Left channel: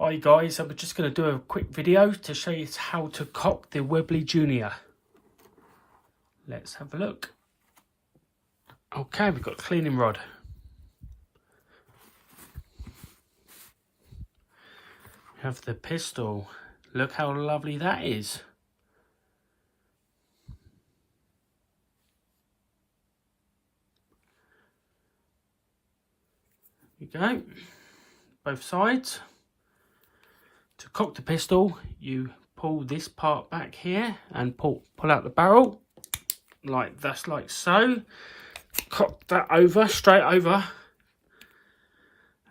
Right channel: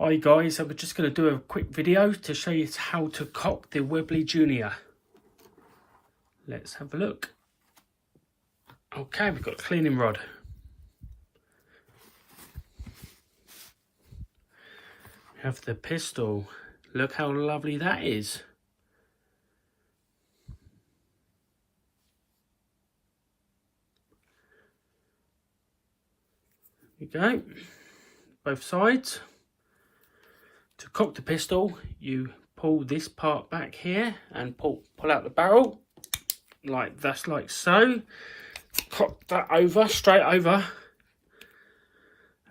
Hi guys, I'm just going to do a quick video to show you how to cock the Webley Junior. Let's have a look. Okay, we've got a cleaning rod. We have the pistol. Look how lovely that is. There you go, both sides. To cock the pistol, you pull this part back here and pull out the barrel, like so. Cock that over, straight over,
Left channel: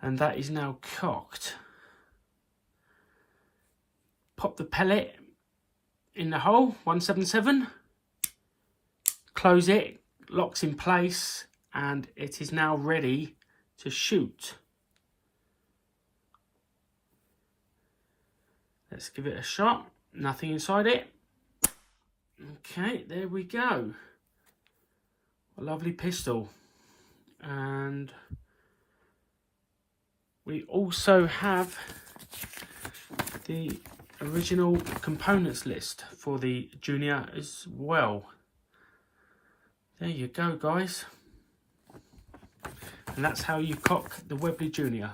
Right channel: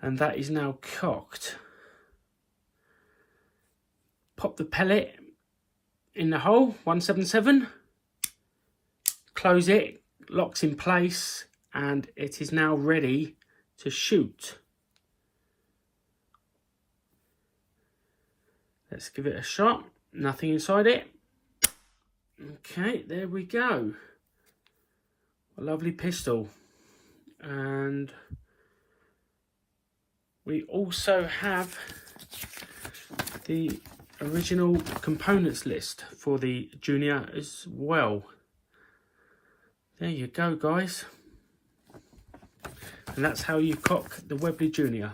and that is now cocked. Pop the pellet in the hole, 177, close it, locks in place, and it is now ready to shoot. Let's give it a shot. Nothing inside it. Okay, there we go. A lovely pistol. And we also have the original components list for the Junior as well. There you go, guys. And that's how you cock the Webley Junior.